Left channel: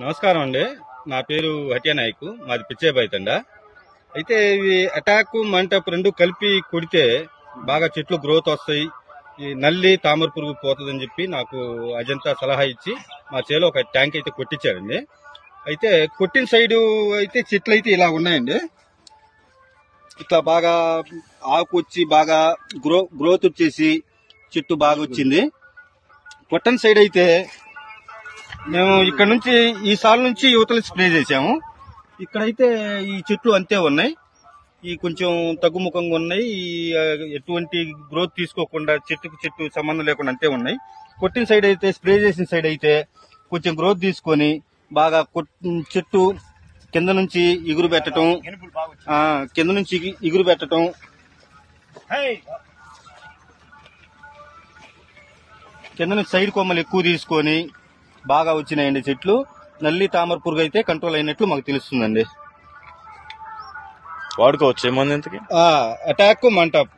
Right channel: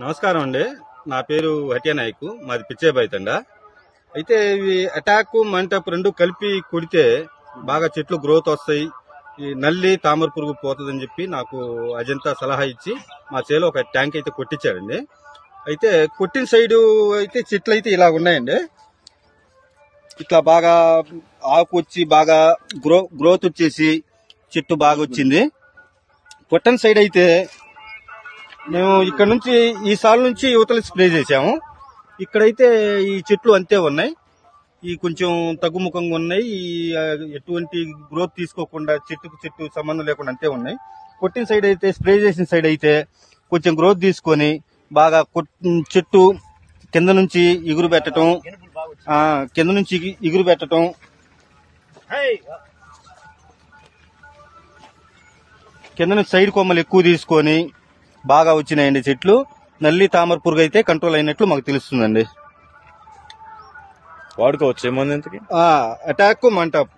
నమస్కారం అండి. నా పేరు హటియా నాయక్, మాది పిచ్చేబైతండ. అయితే ఇవి అటాక్ మంటప్ రెండు కలిపి కొడితే బాగా చెట్లు గ్రోత్ వస్తాయి, ఈ నల్లి తామర పురుగు పోతుందని చెప్పి నాకు అజంతా సలహా ఇచ్చి మా చేలో ఒక ట్యాంక్ అయితే కొట్టించారండి. అయితే కొట్టిన సైడు అయితే చెట్లు అయితే ఇలా ఉన్నాయండి. ఇట్లా బాగా ఆకు వచ్చి బాగా గ్రోత్ వచ్చేసి చెట్టు బాగా వచ్చింది. కొట్టిన సైడ్ అయితే మేము ఇక్కడ నుంచి ఈ సాల్ నుంచి యువతలు స్ప్రే చేసాము. ఇక్కడైతే ఈ చెట్లు అంతే ఉన్నాయి, ఈ కొంచెం తగ్గుముఖంగా ఉన్నాయి, ఎటువంటి గ్రోత్ తీసుకోకుండా చెట్టుకు చెట్టు సంబంధం లేకుండా అంతే ఉన్నాయి. కొట్టిన సైడ్ అయితే స్ప్రే చేసిన సైడ్ అయితే కొంచెం గ్రోత్ తీసుకొని బాగా చెట్టు కింద నుంచి ఎగురు పెట్టడం, కింద నుంచి సైడ్ కొమ్మలు ఎక్కువ తీసుకొని బాగా వచ్చినాయండి చెట్లు. నల్లి తామర పురుగు అయితే కంట్రోల్ అయినట్లు మాకు తెలుస్తుందండి. వాడుకోవచ్చు ఏమన్నా ఇంతకి అటాక్ మంటప్